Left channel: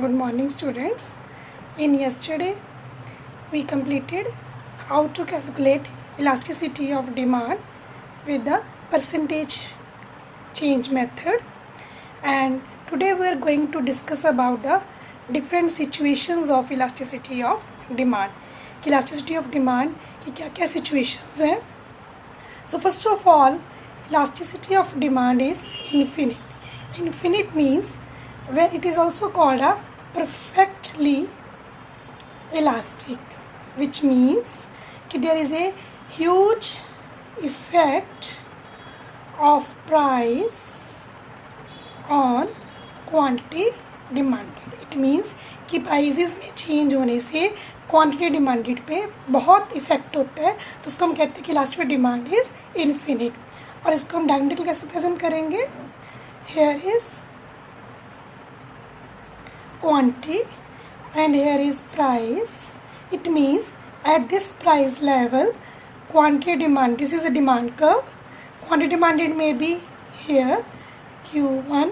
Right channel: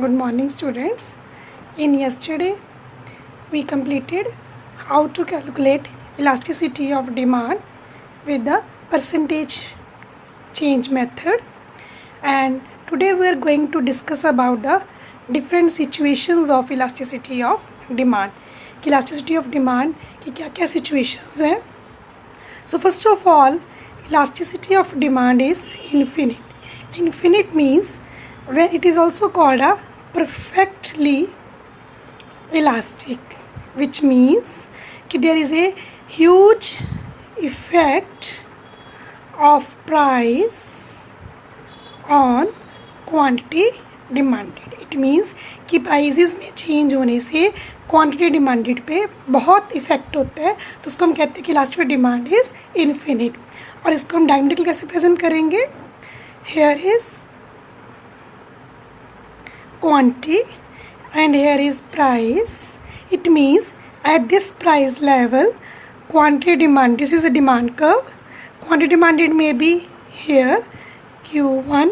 Good morning, students. In yesterday, we completed how to calculate elasticity of demand with the percentage change method, and today we are going to discuss about the different situations of elasticity of demand. Elasticity of demand की क्या-क्या situations हैं? So first of all, elasticity of demand is infinite. Infinite means when it is also called a perfectly elastic, which means कि there is a huge effect of price on quantity demanded. It means कि prices में change होने से quantity demanded पे बहुत effect होता है, तो उसको हम कहते हैं कि इलास्टिक डिमांड इज इन्फिनिट. और इसको हम डायग्रामेटिकली कैसे प्रेजेंट करेंगे? Here is quantity and here is price. It means at this price level quantity demand, this is a demand curve, quantity demanded may be here Q1,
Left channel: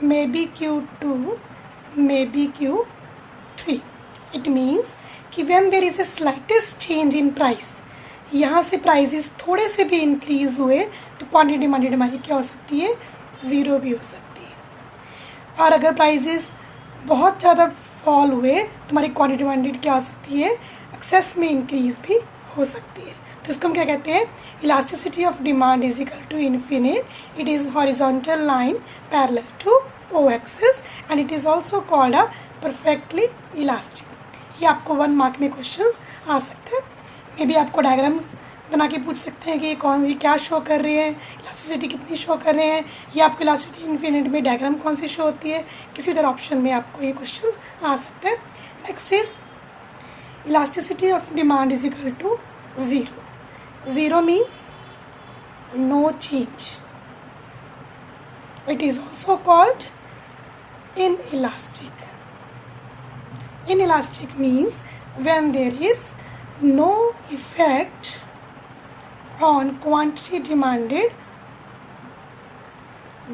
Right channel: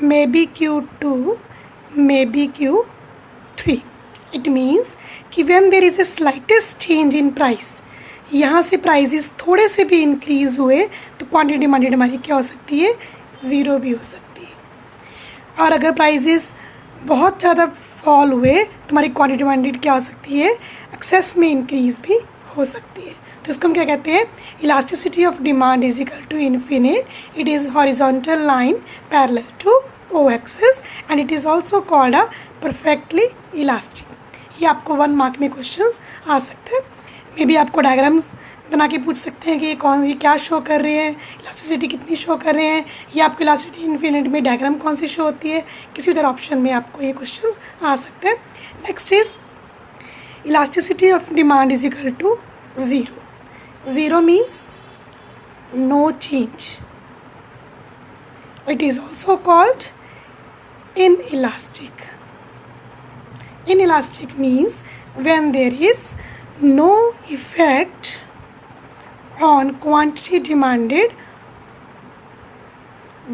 maybe Q2, maybe Q3. It means कि when there is a slightest change in price, यहाँ से prices थोड़े से भी increase हुए तो quantity demanded हमारी क्या हो सकती है? ज़ीरो भी हो सकती है. और अगर प्राइजेस बहुत ज़्यादा फॉल हुए तो हमारी क्वांटिटी डिमांडेड क्या हो सकती है? एक्सेस में इंक्रीज भी हो सकती है. तो इसको हम क्या कहते हैं? Elasticity of demand is equal to infinite. It is horizontal line parallel to O axis and it is also called a perfectly elastic. ये आपको 1 मार्क में क्वेश्चंस आ सकते हैं. मे बी आपको डायग्राम्स बना के पूछ सकते हैं कि ये क्या शो कर रहे हैं, इलास्टिसिटी कितनी शो कर रहे हैं, या आपको इलास्टिसिटी इन्फिनिट में डायग्राम कौन सी शो होती है. किसी तरह ऑप्शन में आपको ये क्वेश्चंस आ सकते हैं. Next is elasticity of demand is equal to zero. Zero means no change. It is also called inelastic. Inelastic means when there is no effect on quantity demanded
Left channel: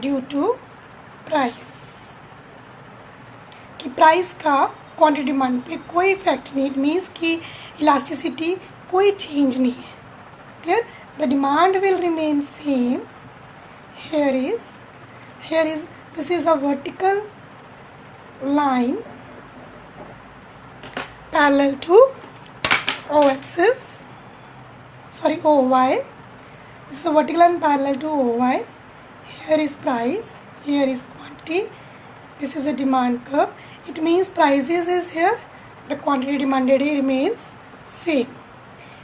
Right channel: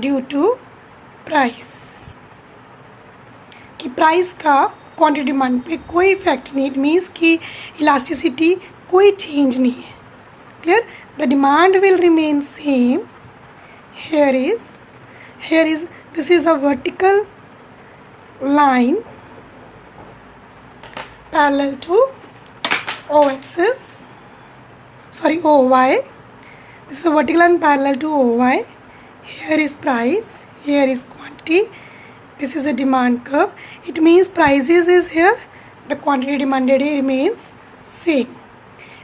due to price. कि price का quantity demand पे कोई effect नहीं. It means कि elasticity कोई change नहीं है. Clear? The demand will remain same. here is this is a vertical line parallel to o axis, sorry OY. This is a vertical line parallel to OY. Here is price, here is quantity. This is a demand curve. It means prices is here, the quantity demanded remains same.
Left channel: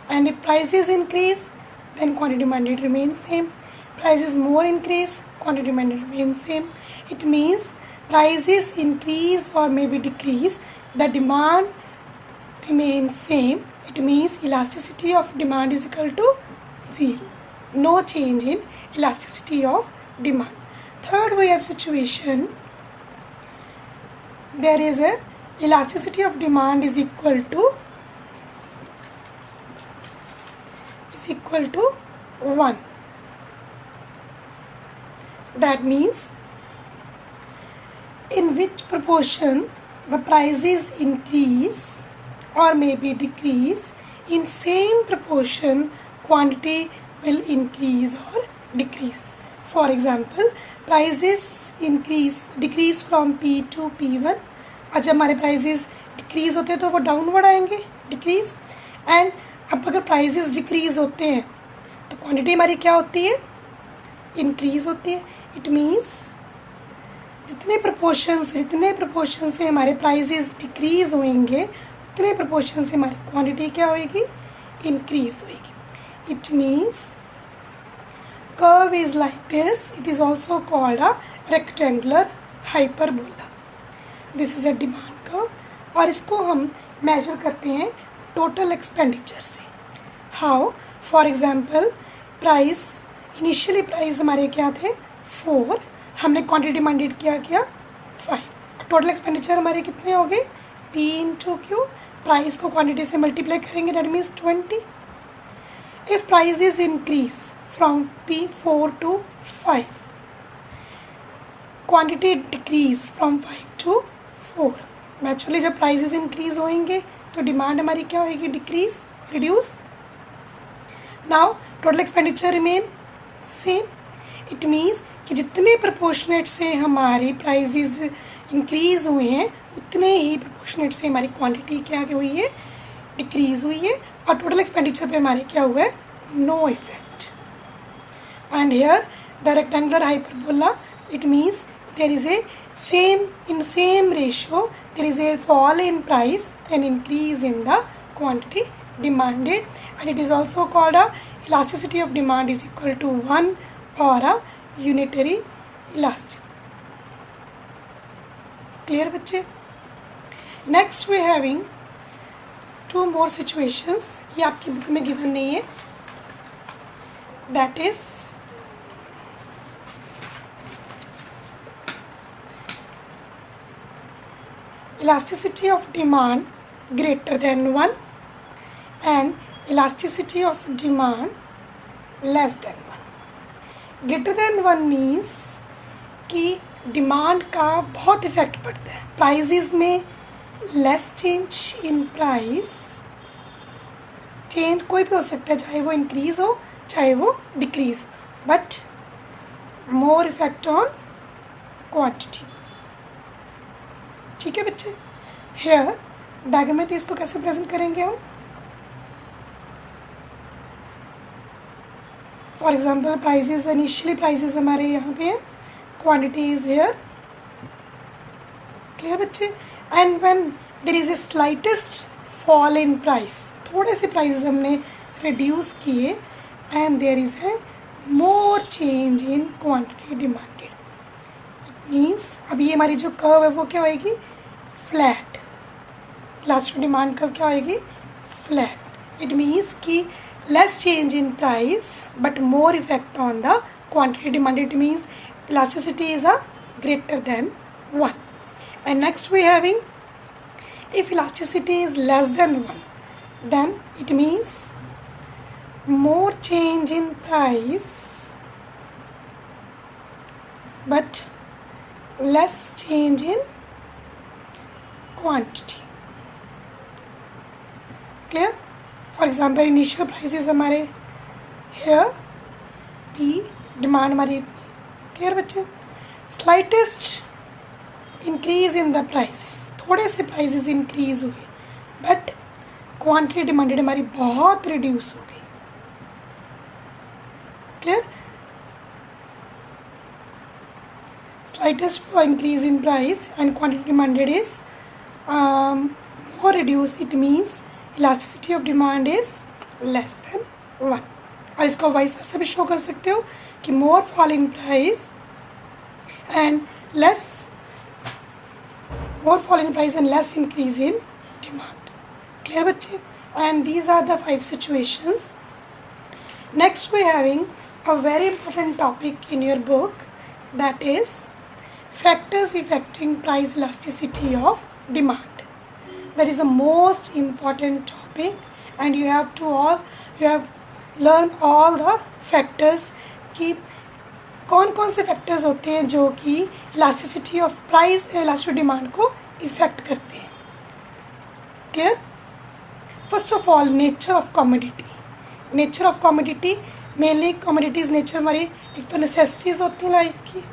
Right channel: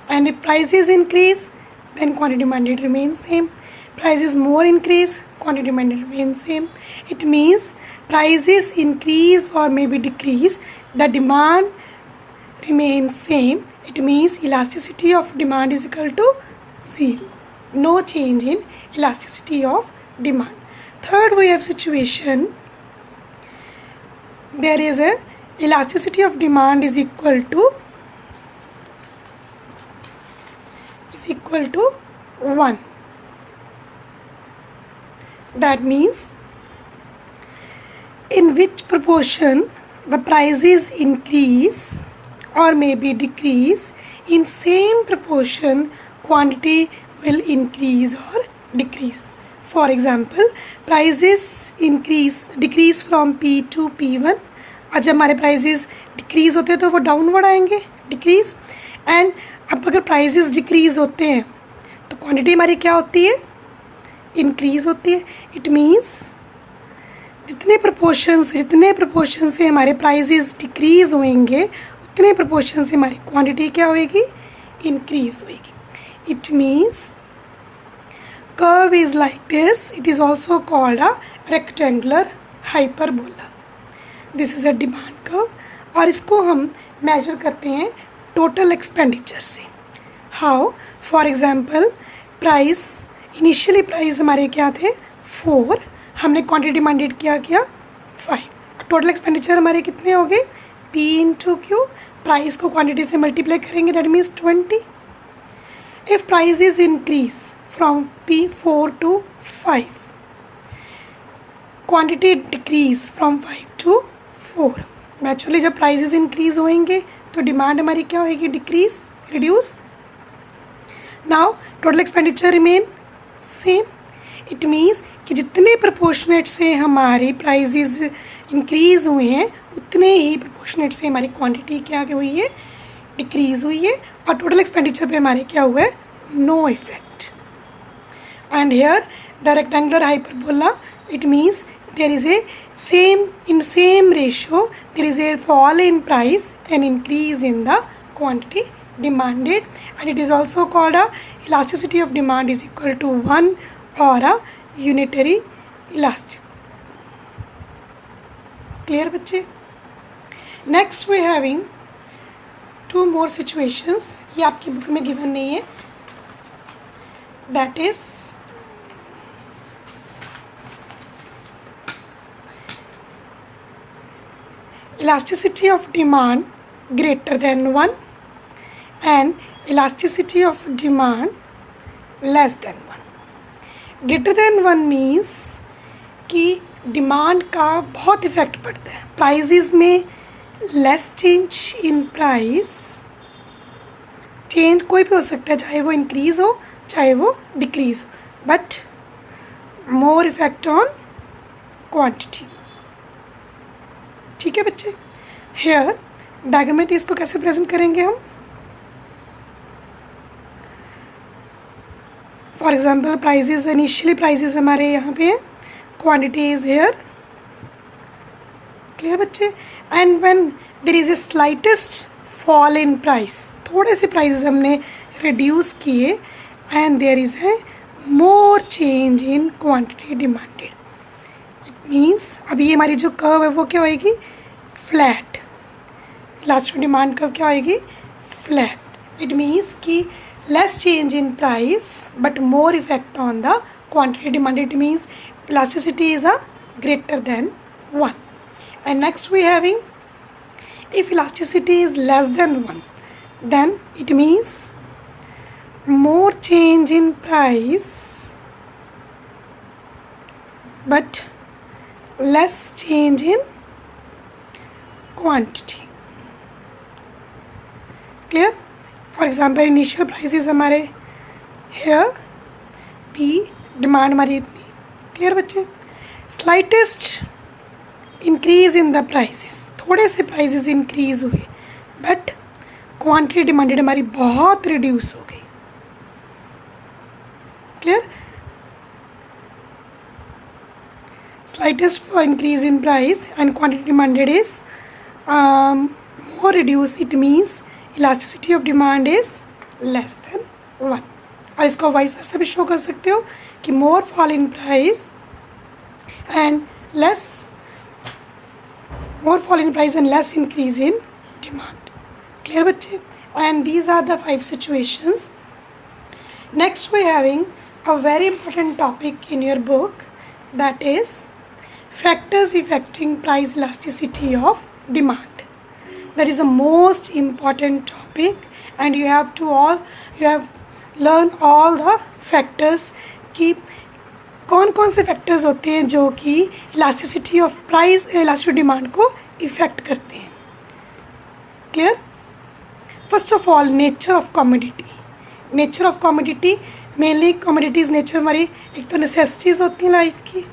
And if prices increase, then quantity demanded remains same. Prices more increase, quantity demanded remains same. It means prices increase or maybe decrease, the demand remains same. It means elasticity of demand is equal to zero. No change in elasticity of demand. Third, we have situation. There is a elasticity of demand is equal to 1. That means in which proportion the prices increase or maybe decrease, in same proportion quantity will increase or decrease. For example, prices decrease from P to P1. आज जब हमारे prices decrease होते हैं तो वो downward आएंगे, decrease. And अब अगर प्राइजेस डिक्रीज होते हैं तो क्वांटिटी हमारी क्या होती है? इंक्रीज होती है. इट मीन्स जितने प्रपोर्शन से हमारे प्राइजेस डिक्रीज होंगे उतने प्रपोर्शन से हमारी क्वांटिटी क्या होएगी? इंक्रीज होएगी. It means curve is like this. It is also called a rectangular hyperbola. This is a demand curve और इसको हम मेजर करते हैं टोटल एक्सपेंडिचर से. How? For example price, initially price हमारे क्या थे? 4. हमने क्वांटिटी डिमांडेड क्या 5. टोटल एक्सपेंडिचर हमारे कितने हो गए? P into Q. प्राइस को क्वांटिटी से मल्टीप्लाई करेंगे, that means 20. If prices increase from P4 to 5, quantity decrease from 5 to 4। Naturally जब प्राइजेस इंक्रीज होंगे तो डिमांड हमारी क्या होगी, decrease, reduce. Now total expenditure remain same. It means कि जितने प्रोपोर्शनेट से हमारी प्राइजेस इंक्रीज हुए हैं उतने ही प्रोपोर्शनेट से हमारी क्वांटिटी क्या हुई है, डिक्रीज हुई है, और टोटल एक्सपेंडिचर पे हमारे क्या हुआ है, no effect. And here the rectangular hyperbola, it means there is a same ratio there is a fall in price and increase in the quantity demanded, and it is also called a elasticity of demand is equal to 1 or a unitary elastic. Clear बच्चे? Next we having two more situations, ये आपकी book में given नहीं है, that is elasticity of demand greater than 1 and elasticity of demand less than 1. Greater than 1 means कि demand का बहुत effect पड़ता है प्राइजेस में। Less change in price, change कोई भी हो सकता है, चाहे वो इंक्रीज हो चाहे वो डिक्रीज हो, but more effect on quantity. ठीक है बच्चे? हेयर डायग्राम में इसको कैसे प्रेजेंट करेंगे हम? For example prices, initially prices हमारे यहाँ पे क्वांटिटी इज हेयर। क्लियर बच्चे? And when there is a slightest fall in price, थोड़े से प्राइजेस हमने रिड्यूस किए and there is a more change in quantity demanded. Means अभी ये हमारी जो कर्व है वो क्या होएगी, फ्लैट। लास्ट डिमांड कर्व क्या होएगी, फ्लैट। इट मीन्स कि less change in price but more effect on the quantity demanded. It means elasticity is a greater than 1. And next we having if elasticity is less than 1 then it means more change in price but less change in quantity. Clear? For example, initial prices हमारे here P, demand हमारी इतनी. Clear बच्चे? Slightest increase in the prices, थोड़े से prices increase हुए but quantity demanded हमारी बहुत reduce हो गई. Clear? Slightest increase in price and quantity demanded is more reduce. It means elasticity of demand is less than 1. और इसको वाइस वर्सा भी शो कर सकते हो कि more fall in price and less, more fall in price and less increase in demand. Clear बच्चे? And these are the 5 situations. Next we are having a very important topic in your book, that is factors affecting price elasticity of demand. That is the most important topic and you have learn all the factors कि कौन कौन से factors होते हैं जो कि elasticity of price, elasticity demand को effect करते हैं. Clear? First of all nature of commodity. Nature of commodity, mainly commodities nature हमारी एक तो नेसेसिटीज़ होती हैं लाइफ की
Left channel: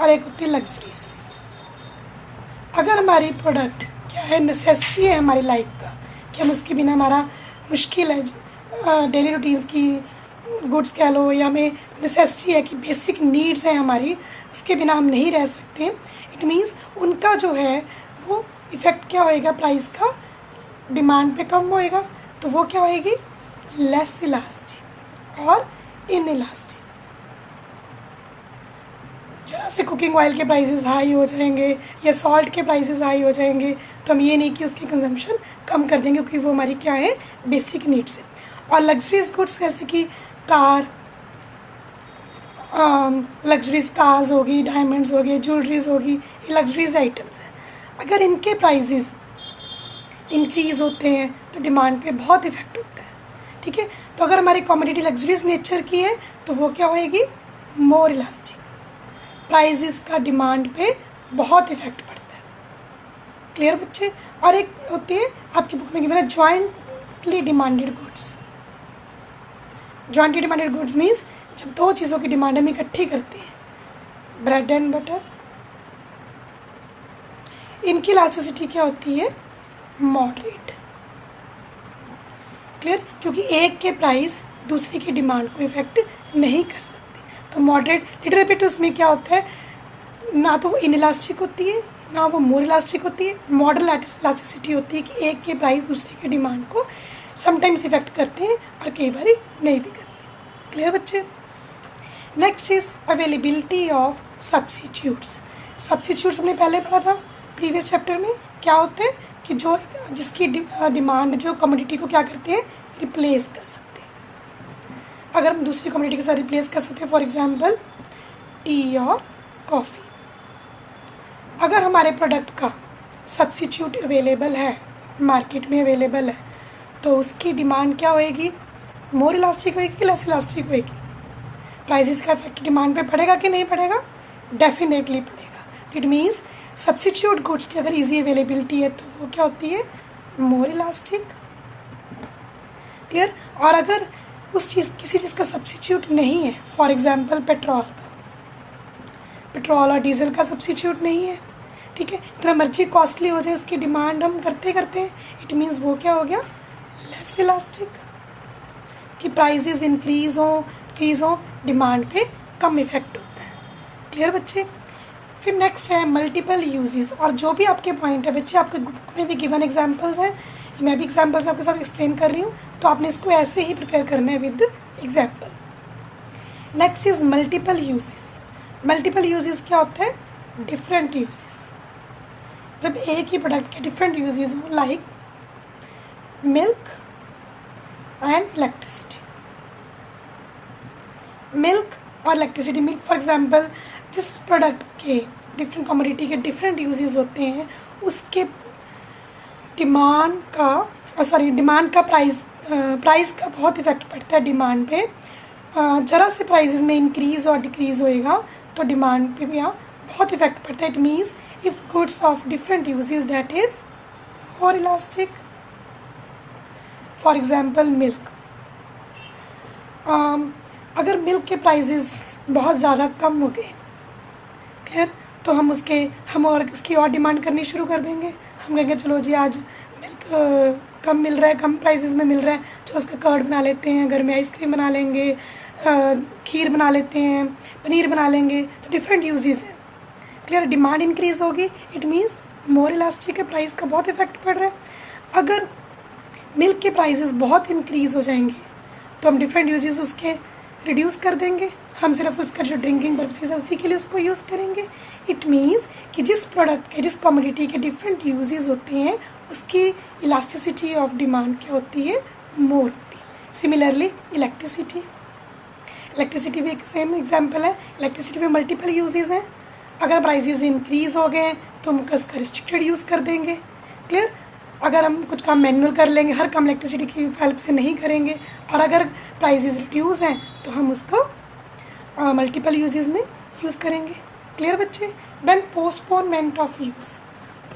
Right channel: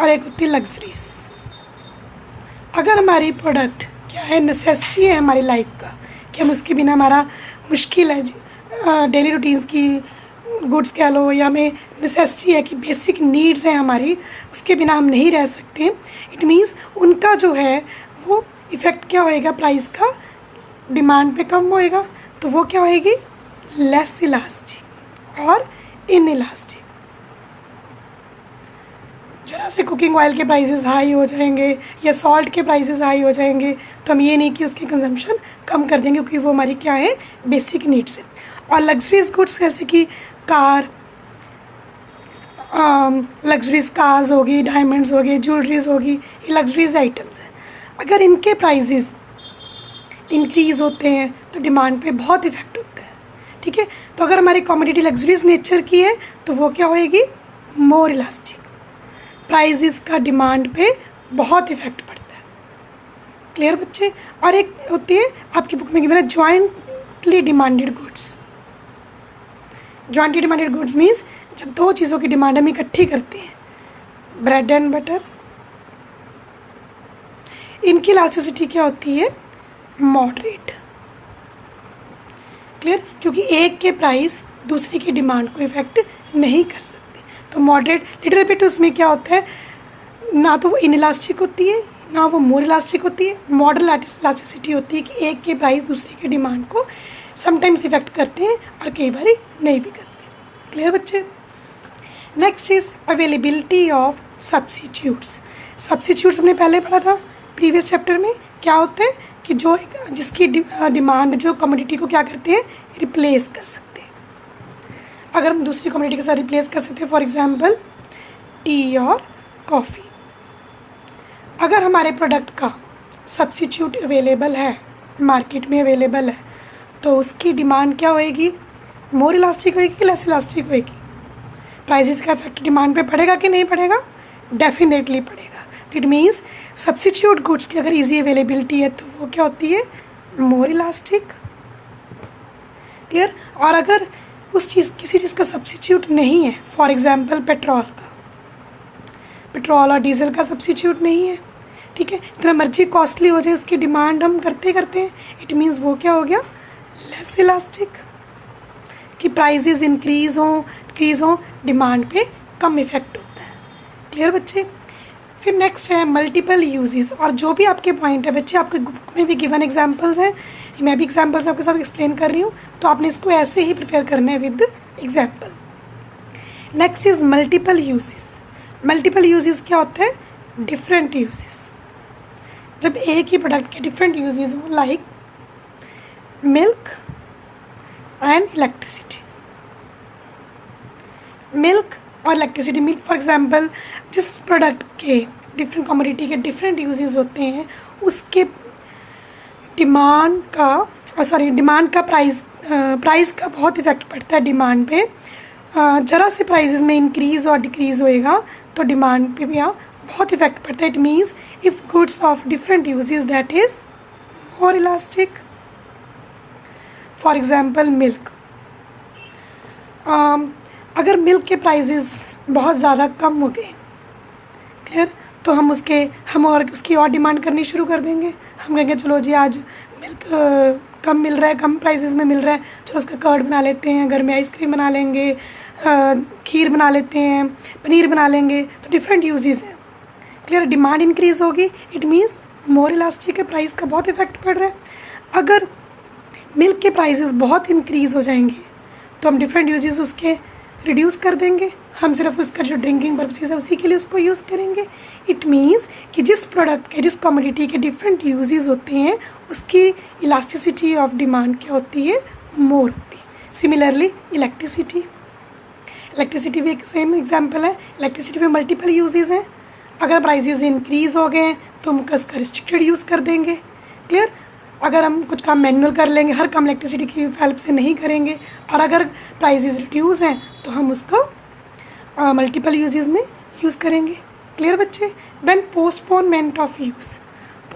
और एक होती है लग्जरीज. अगर हमारी प्रोडक्ट क्या है, नेसेसिटी है हमारी लाइफ का कि हम उसके बिना हमारा मुश्किल है, डेली रूटीन्स की गुड्स कह लो या हमें नेसेसिटी है कि बेसिक नीड्स हैं हमारी, उसके बिना हम नहीं रह सकते. इट मीन्स उनका जो है वो इफ़ेक्ट क्या होएगा, प्राइस का डिमांड पे कम होएगा, तो वो क्या होएगी, लेस इलास्टिक और इन इलास्टिक. जरा से कुकिंग ऑयल के प्राइसेस हाई हो जाएंगे या सॉल्ट के प्राइसेस हाई हो जाएंगे तो हम ये नहीं कि उसकी कंजम्पशन कम कर देंगे क्योंकि वो हमारी क्या है, बेसिक नीड्स है. और लग्जरीज गुड्स जैसे कि कार, लग्जरीज कार्स होगी, डायमंड्स हो गए, ज्वेलरीज होगी, ये लग्जरीज आइटम्स हैं. अगर इनके प्राइसेस इंक्रीज़ होते हैं तो डिमांड पे बहुत इफ़ेक्ट होता है. ठीक है? तो अगर हमारी कमोडिटी लग्जरीज नेचर की है तो वो क्या होएगी, मोर इलास्टिक. प्राइजेस का डिमांड पे बहुत इफेक्ट पड़ता है। क्लियर बच्चे? और एक होती है आपकी बुक में गिवन है jointly demanded goods. Jointly demanded goods means जब दो चीज़ों की डिमांड हम इकट्ठी करते हैं, ब्रेड एंड बटर, इनकी इलास्टिसिटी क्या होती है? मॉडरेट। क्लियर? क्योंकि एक के प्राइस दूसरे की डिमांड को इफेक्ट नहीं कर सकते, तो मॉडरेट लिटिल बिट उसमें क्या होता है, ना तो वो इनइलास्टिक होती है ना वो मोर इलास्टिक होती है। मॉडरेट इलास्टिसिटी होती है कि एक के प्राइस दूसरे की डिमांड को समटाइम्स इफेक्ट करते हैं और कई बार नहीं भी करते। क्लियर बच्चे? Next is availability of substitutes. Substitutes हमने पहले पढ़ा था प्रीवियस चैप्टर में। क्या होता है कि जो जिसकी डिमांड जो कमोडिटी को क्या करते हैं, रिप्लेस कर सकते हैं। अगर हम दूसरी कमोडिटी के साथ रिप्लेस कर सकते हैं, फॉर एग्जांपल टी और कॉफ़ी। अगर हमारे प्रोडक्ट का सब्स्टिट्यूट अवेलेबल है, मार्केट में अवेलेबल है, तो उसकी डिमांड क्या होएगी? मोर इलास्टिक होएगी कि लेस इलास्टिक होएगी? प्राइसेस का इफेक्ट डिमांड पे पड़ेगा कि नहीं पड़ेगा? डेफिनेटली पड़ेगा। तो इट मीन्स सब्स्टिट्यूट गुड्स की अगर इजी अवेलेबिलिटी है तो वो क्या होती है? मोर इलास्टिक। क्लियर? और अगर उस चीज़ किसी चीज़ का सब्स्टिट्यूट नहीं है, फॉर एग्जांपल पेट्रोल और डीजल का सब्स्टिट्यूट नहीं है, ठीक है, जितना मर्जी कॉस्टली हो जाए उसकी डिमांड हम करते हैं, इट मीन्स वो क्या हो गया? Less elastic. कि प्राइजेज इंक्रीज हो डिक्रीज हो, डिमांड पे कम इफेक्ट होता है। क्लियर बच्चे? फिर नेक्स्ट है मल्टीपल यूजेस। और जो भी आपके पॉइंट है बच्चे, आपके बुक में भी गिवन एग्जांपल्स हैं, मैं भी एग्जांपल्स आपके साथ एक्सप्लेन कर रही हूँ, तो आपने इसको ऐसे ही प्रिपेयर करना है with example. Next is multiple uses. Multiple uses क्या होता है? Different uses. जब एक ही प्रोडक्ट के डिफरेंट यूजेस हो, like milk and electricity. Milk और इलेक्ट्रिसिटी, मिल्क फॉर एग्जांपल जिस प्रोडक्ट के डिफरेंट कमोडिटी के डिफरेंट यूजेस होते हैं, उसके डिमांड का प्राइस का बहुत इफेक्ट पड़ता है डिमांड पे। ज़रा से प्राइसेस में इंक्रीज़ और डिक्रीज़ होएगा तो डिमांड पे भी यहाँ बहुत इफेक्ट पड़ता है। It means if goods of different uses that is more elastic. For example milk, अगर मिल्क के प्राइसेस बहुत ज़्यादा कम हो गए, क्लियर, तो हम उसकी और डिमांड करनी शुरू कर देंगे। हम कहेंगे चलो जी आज मिल्क कम मिल रहा है, कम प्राइसेस में मिल रहा है, चलो उसका कर्ड बना लेते हैं, घर में आइसक्रीम बना लेंगे, खीर बना लेते हैं, पनीर बना लेंगे। तो डिफरेंट यूजेस हैं। क्लियर? डिमांड इंक्रीज़ होगी, इट मीन्स मोर इलास्टिक के प्राइस का बहुत इफेक्ट पड़ रहा है। अगर मिल्क के प्राइसेस बहुत इंक्रीज़ हो जाएंगे तो हम डिफरेंट यूजेस उसके रिड्यूस कर देंगे, हम सिर्फ उसका जो ड्रिंकिंग पर्पसेस है उसी के लिए उसको यूज़ करेंगे। इट मीन्स कि जिस प्रोडक्ट के जिस कमोडिटी के डिफरेंट यूजेस होते हैं उसकी इलास्टिसिटी ऑफ डिमांड क्या होती है? मोर होती है। सिमिलरली इलेक्ट्रिसिटी भी एक सेम एग्जांपल है। इलेक्ट्रिसिटी में मल्टीपल यूजेस हैं। अगर प्राइसेस इंक्रीज़ हो गए हैं तो हम उसका रिस्ट्रिक्टेड यूज़ कर देंगे। क्लियर? अगर हम कुछ काम मैनुअल कर लेंगे, हर काम इलेक्ट्रिसिटी की हेल्प से नहीं करेंगे, और अगर प्राइसेस रिड्यूस हैं तो हम उसको मल्टीपल यूजेस में यूज़ करेंगे। क्लियर बच्चे? Then postponement of use.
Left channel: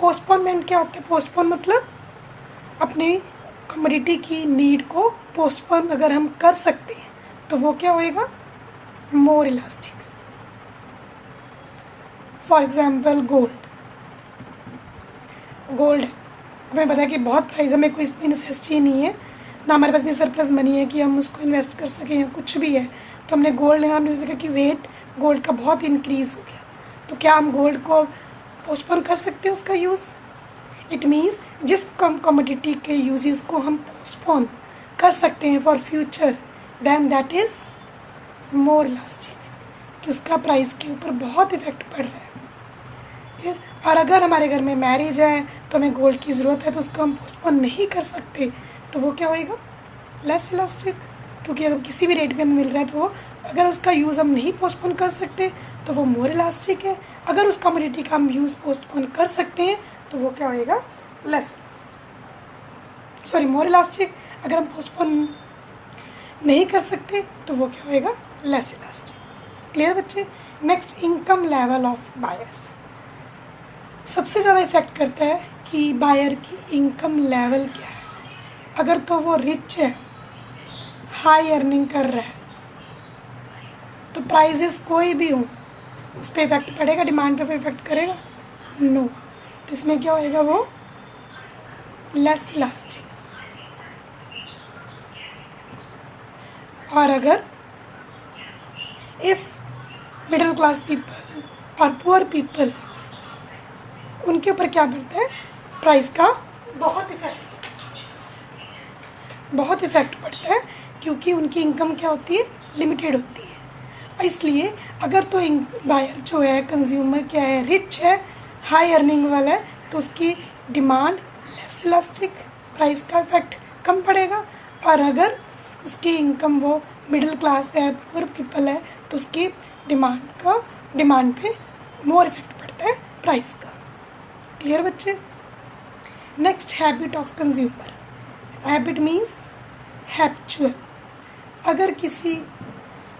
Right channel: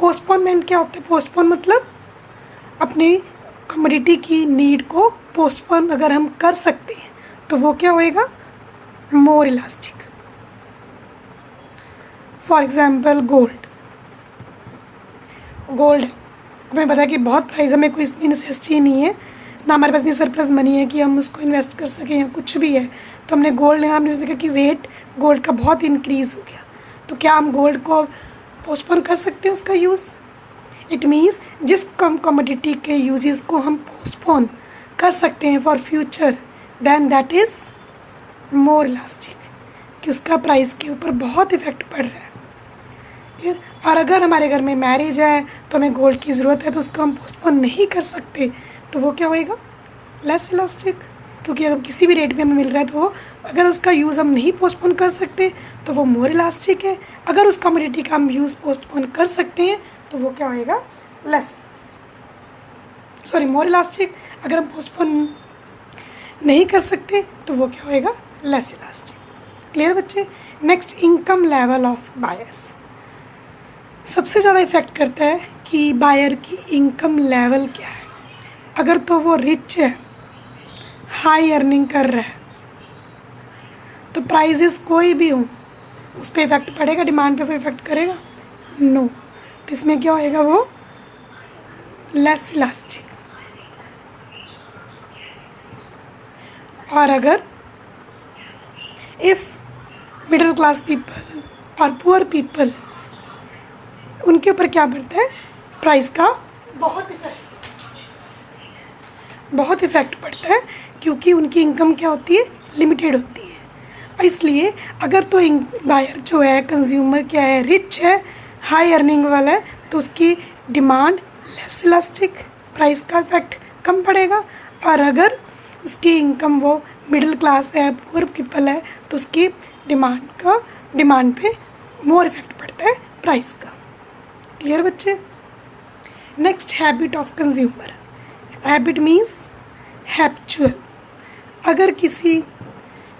Postponement क्या होता है? पोस्टपोन मतलब अपनी कमोडिटी की नीड को पोस्टपोन अगर हम कर सकते हैं तो वो क्या होएगा? मोर इलास्टिक। फॉर एग्जांपल गोल्ड हमें पता है कि बहुत प्राइस, हमें कोई इतनी नेसेसिटी नहीं है, ना हमारे पास इतनी सरप्लस मनी है कि हम उसको इन्वेस्ट कर सकें या कुछ भी है, तो हमने गोल्ड लेना। हमने देखा कि रेट गोल्ड का बहुत इंक्रीज़ हो गया, तो क्या हम गोल्ड को पोस्टपोन कर सकते हैं उसका यूज़? इट मीन्स जिस कमोडिटी के यूजेस को हम पोस्टपोन कर सकते हैं for future, then that is more elastic, कि उसका प्राइस के ऊपर बहुत इफेक्ट पड़ रहा है। ठीक? और अगर हमारे घर में मैरिज है तो हमें गोल्ड की ज़रूरत है तो उसको हम पोस्टपोन नहीं कर सकते, तो वो क्या होएगा? Less elastic. क्योंकि अगर किसी भी रेट पे हमें मिल रहा है तो अगर उसका यूज़ हम नहीं पोस्टपोन कर सकते तो वो मोर इलास्टिक है। अगर उस कमोडिटी का हम यूज़ पोस्टपोन कर सकते हैं तो वो क्या होएगा? मोर इलास्टिक। अगर हम पोस्टपोन नहीं कर सकते तो वो क्या होएगा? Less elastic. क्लियर बच्चे? Next, income level of buyers. सबसे ज़्यादा इफ़ेक्ट करता है कि बायर की इनकम लेवल क्या है। अगर तो वो रिच है, हाई अर्निंग कर रहा है, तो प्राइजेस कोई भी हो उस पर इफ़ेक्ट पड़ेगा, डिमांड पे इफ़ेक्ट करेगा? नो। तो इसमें क्या होएगा, वो लेस इलास्टिक। और अगर इफ़ मिडिल क्लास पीपल और पुअर पीपल, उनके ऊपर क्या पड़ता है, प्राइस का बहुत इफ़ेक्ट पड़ता है, क्योंकि उनकी इनकम क्या होती है, लिमिटेड होती है। इसलिए अगर तो बायर जो है, कंज्यूमर क्या है, रिच है, हाई अर्निंग वाला है, तो उसकी डिमांड लेस इलास्टिक, प्राइस का इफ़ेक्ट कम पड़ेगा। और अगर उसकी इनकम वो मिडिल क्लास है, पुअर पीपल है, तो उसकी डिमांड पे मोर इफ़ेक्ट पड़ता है प्राइस का। क्लियर बच्चे? Next, habit of consumer. Habit means habitual. अगर किसी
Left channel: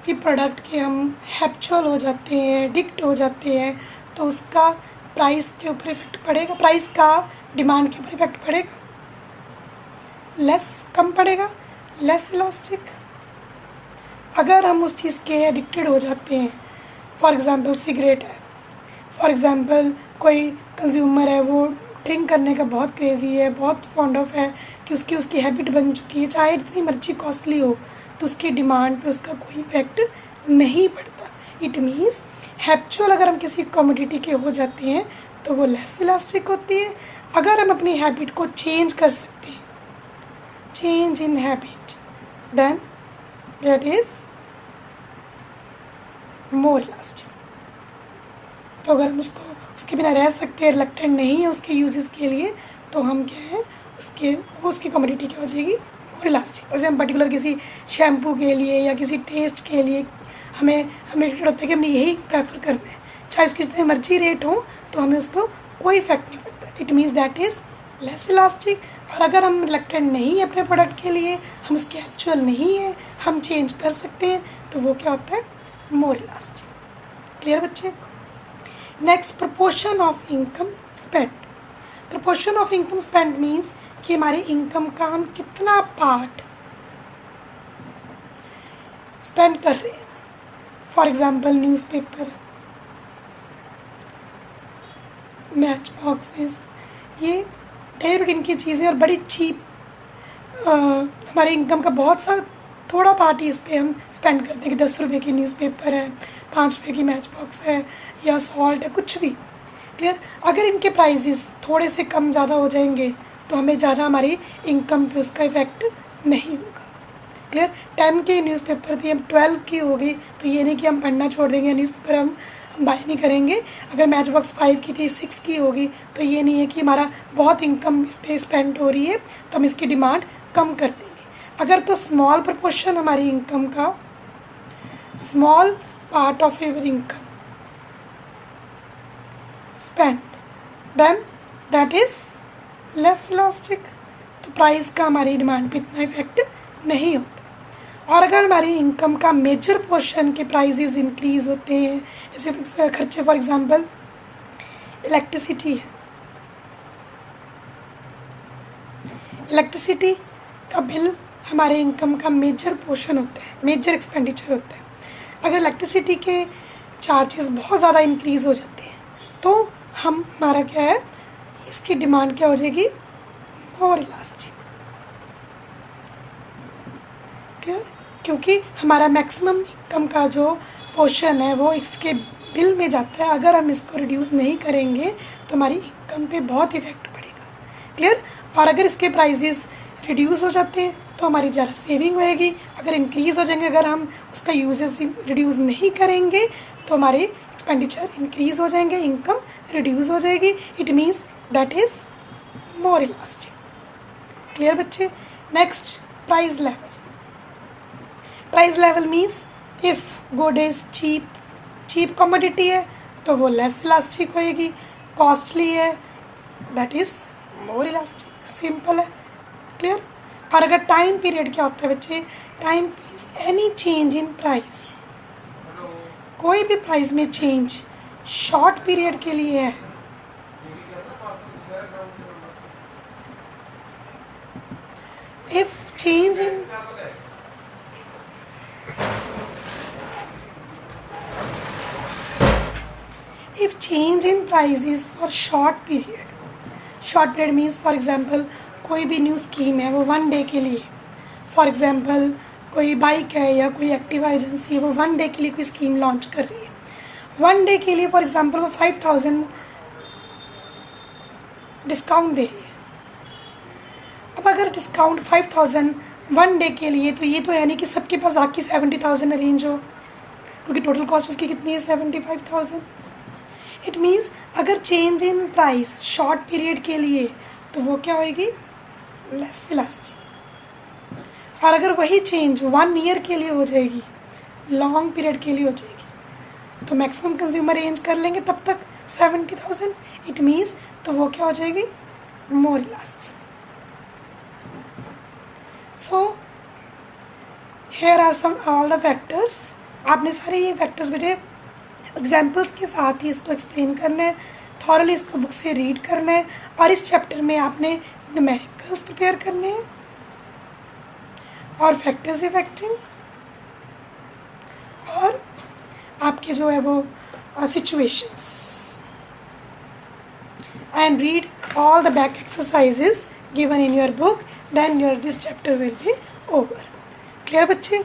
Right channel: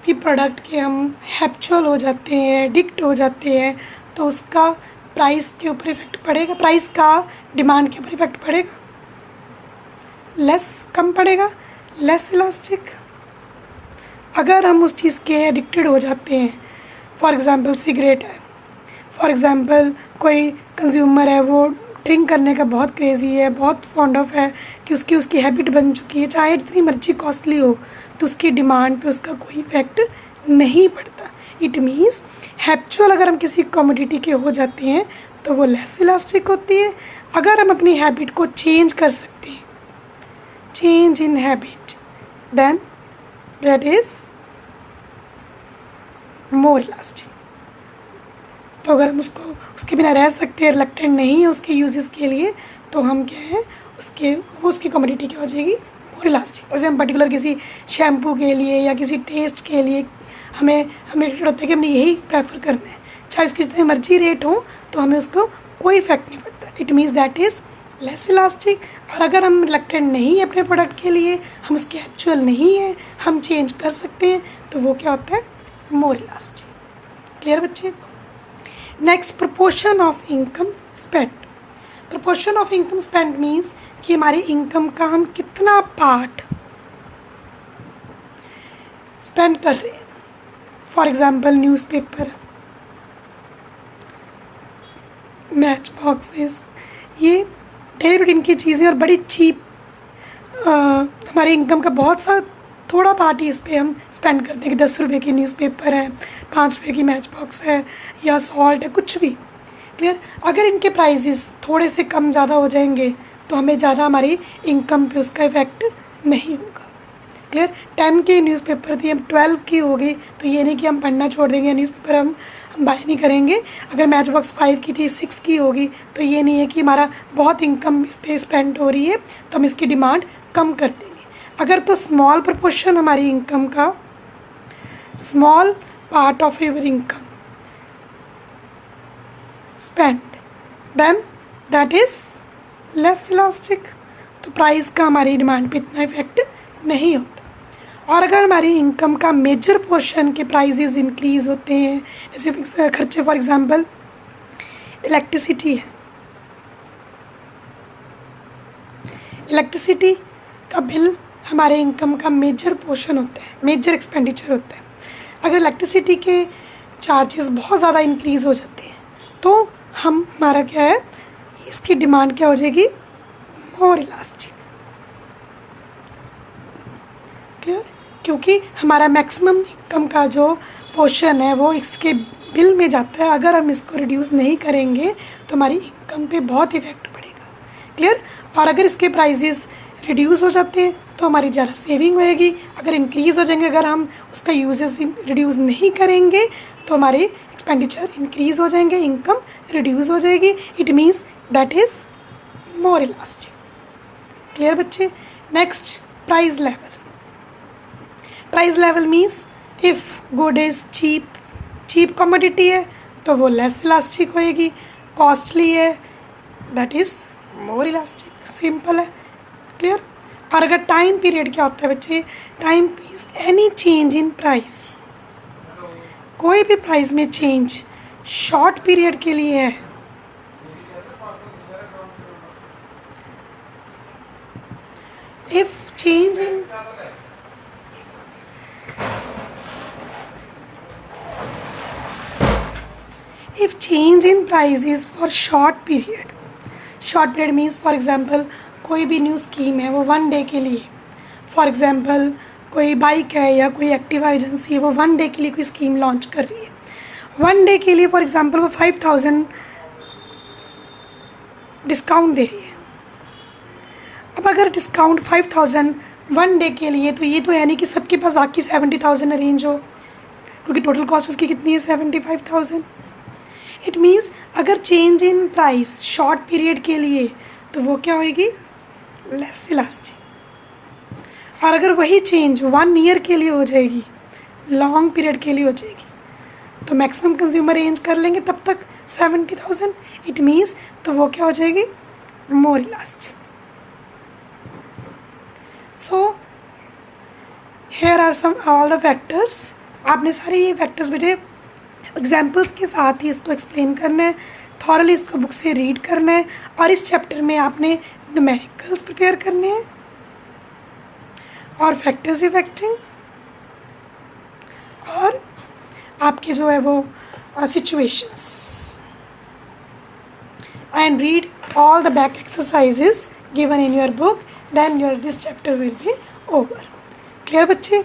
भी प्रोडक्ट के हम हैबिचुअल हो जाते हैं, एडिक्ट हो जाते हैं, तो उसका प्राइस के ऊपर इफ़ेक्ट पड़ेगा, प्राइस का डिमांड के ऊपर इफ़ेक्ट पड़ेगा, कम पड़ेगा, लेस इलास्टिक। अगर हम उस चीज़ के एडिक्टेड हो जाते हैं, फॉर एग्ज़ाम्पल सिगरेट है, फॉर एग्ज़ाम्पल कोई कंज्यूमर है, वो ड्रिंक करने का बहुत क्रेज़ी है, बहुत फॉन्ड ऑफ है, कि उसकी हैबिट बन चुकी है, चाहे जितनी मर्जी कॉस्टली हो, तो उसकी डिमांड पे उसका कोई इफ़ेक्ट नहीं पड़ता। इट मीन्स हैबिचुअल अगर हम किसी कमोडिटी के हो जाते हैं तो वो लेस इलास्टिक होती है। अगर हम अपनी हैबिट को चेंज कर सकते हैं, change in habit, then that is more elastic. तो अगर हम उसके बिना रह सकते हैं, रिलक्टेंट नहीं है उसके यूजेस के लिए, तो हम क्या है, उसकी कमोडिटी क्या हो जाएगी, मोर इलास्टिक। जैसे हम पर्टिकुलर किसी शैम्पू के लिए या किसी टेस्ट के लिए हमें होता है कि हमने यही प्रेफर करना है, चाहे उसकी जितनी मर्जी रेट हो, तो हमें उसको कोई इफेक्ट नहीं पड़ता। It means that is less elastic. और अगर हम रिलक्टेंट नहीं है अपने प्रोडक्ट के लिए, हम उसके एक्चुअल नहीं है, हम चेंज कर सकते हैं, तो वो क्या होता है, मोर इलास्टिक। क्लियर बच्चे? Next, proportion of income spend. Proportion of income spend means कि हमारी इनकम का हम कितना पार्ट स्पेंड कर रहे हैं। For example newspaper, match boxes, ये डेली रूटीन की चीज़ें और बड़ी चीप, हमारी इनकम का बहुत सा थोड़ा पार्ट ही इस पर हम स्पेंड करते हैं कि 10 रुपये की न्यूज़पेपर है, 5 रुपये की मैच बॉक्स है, या सॉल्ट है, कुछ भी। क्लियर? अगर इनके प्राइसेस थोड़े से कम ज़्यादा हो जाएंगे तो हमें ज़्यादा हमारी इनकम पे उसका इफ़ेक्ट नहीं होगा। क्लियर? 10 की न्यूज़पेपर थी, हम 12 की हो गई, तो ये नहीं कि हम पढ़ना छोड़ देंगे, न्यूज़पेपर हम बाय नहीं करेंगे। अगर मैच बॉक्स 5 की थी, 6 की होगी, तो ये नहीं है कि हमारा बहुत इनकम इस पर स्पेंड हो रही है तो हम इसकी डिमांड कम कर देंगे। अगर तो स्मॉल प्रोपोर्शन हमारी इनकम का, small part of your income spend, then that is less elastic. तो प्राइस का हमारी डिमांड पे इतना इफेक्ट नहीं होता। और अगर हमारी इनकम का मेजर पोर्शन के प्राइसेस इंक्रीज़ होते हैं, जैसे खर्चे, फॉर एग्जांपल इलेक्ट्रिसिटी है, इलेक्ट्रिसिटी का बिल हमारे इनकम का मेजर पोर्शन होता है, मेजर एक्सपेंडिचर होता है। अगर इलेक्ट्रिसिटी के चार्जेस बहुत ज़्यादा इंक्रीज़ हो जाते हैं तो हमारा क्या है, इसकी डिमांड क्या हो जाएगी, मोर इलास्टिक। क्लियर? क्योंकि हमारा मैक्सिमम इनकम का जो पोर्शन है वो इसके बिल में जाता है। अगर हम इसको रिड्यूस नहीं करेंगे तो हमारी इनकम पे बहुत इफेक्ट पड़ेगा। क्लियर? और अगर इसके प्राइसेस रिड्यूस हो जाते हैं तो हमारी ज़्यादा सेविंग होएगी। अगर इंक्रीज़ हो जाएंगे, अगर हम उसका यूजेस रिड्यूस नहीं करेंगे तो हमारे एक्सपेंडिचर इंक्रीज़ हो जाएंगे, इनकम रिड्यूस हो जाएगी। It means that is more elastic. Clear बच्चे? Next, price level. Price level means if good is cheap commodity है तो वो लेस इलास्टिक होएगी, कॉस्टली है that is more elastic. Simple है। क्लियर? और अगर टाइम पीरियड क्या होता है बच्चे, time means any change in price, कोई भी प्राइस में चेंज शॉर्ट पीरियड के लिए है, if change in price is for short period means for example कोई भी न्यू स्कीम है वो 1 डे के लिए, फॉर एग्जांपल कोई बाइक है या कोई एक्टिवा एजेंसी है वो 1 डे के लिए कोई स्कीम लॉन्च कर रही है, 1 डे के लिए फॉर एग्जांपल वो 5,000 डिस्काउंट दे रही है। अब अगर डिस्काउंट 5,000 1 डे के लिए, तो ये तो है नहीं कि सबके पास आके 70,000 अरेंज हो, क्योंकि टोटल कॉस्ट उसकी कितनी है 75,000। इट मीन्स अगर change in price short period के लिए तो वो क्या होएगी, लेस इलास्टिक। और अगर वही चेंज 1 ईयर के लिए हो जाएगी, लॉन्ग पीरियड के लिए हो जाएगी, तो मैक्सिमम कंज्यूमर रेंज कर लेंगे तब तक 70,000। इट मीन्स तो वो क्या हो जाएगी, more elastic. So here are some all the factors. आपने सारे ये फैक्टर्स बेटे एग्जाम्पल्स के साथ ही इसको एक्सप्लेन करना है, थॉरली इसको बुक से रीड करना है, और इस चैप्टर में आपने न्यूमेरिकल्स प्रिपेयर करने हैं और फैक्टर्स इफेक्टिंग, और आपके जो है वो situations, and read all the back exercises given in your book, then your this chapter will be over. Clear बच्चे?